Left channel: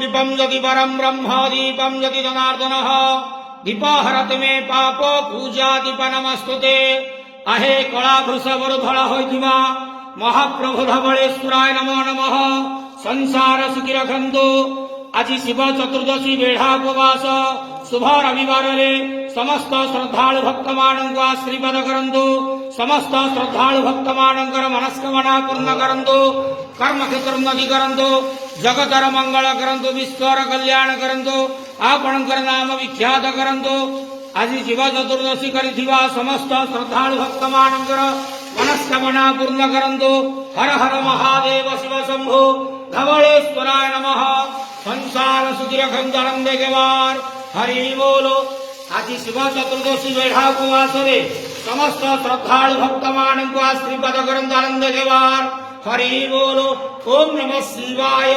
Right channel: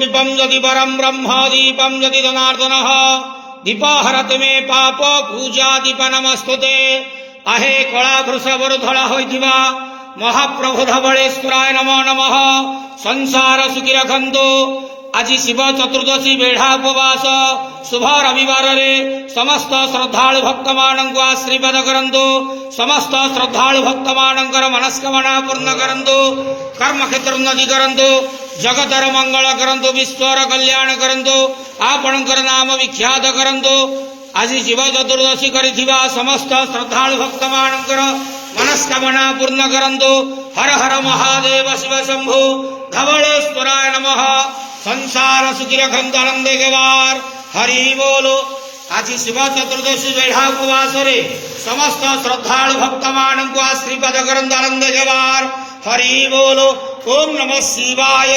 दीपम यदि परम ब्रह्म दीपम यदि जनार्दन दीपहरत मे पाप पूजा दीप नमस्तुते आहे कला वृषभर धड़ा होइथिबा महाप्रभु धवळेश्वराय नमो नमः। संसार सुखी रखंतु। आज शिव चतुर्दशी बेढ़ा उपवास शुभ रविवार रे समस्त श्रद्धालु भक्त मानक आशीर्वाद करंतु। समस्त श्रद्धालु भक्त मानकर मनस्कामना पूर्ण करंतु। कर्म क्षेत्र उन्नति करंतु। जगतर मंगल करंतु। विश्वर कल्याण करंतु। आपणकर नाम विख्यात करंतु। आज शिव चतुर्दशी करिथिबा समस्त श्रद्धालु भक्त मानकर मनस्कामना पूर्ण करंतु। हर हर महादेव शिव शंभु धवळेश्वराय नमः। संसार सुखी रखंतु आनंदे गेवार हरि बोलो। आज शिव चतुर्दशी बेढ़ा उपवास रे समस्त श्रद्धालु भक्त मानक आशीर्वाद करंतु आनंदे गेवार हरि बोलो। ओम नमः शिवाय।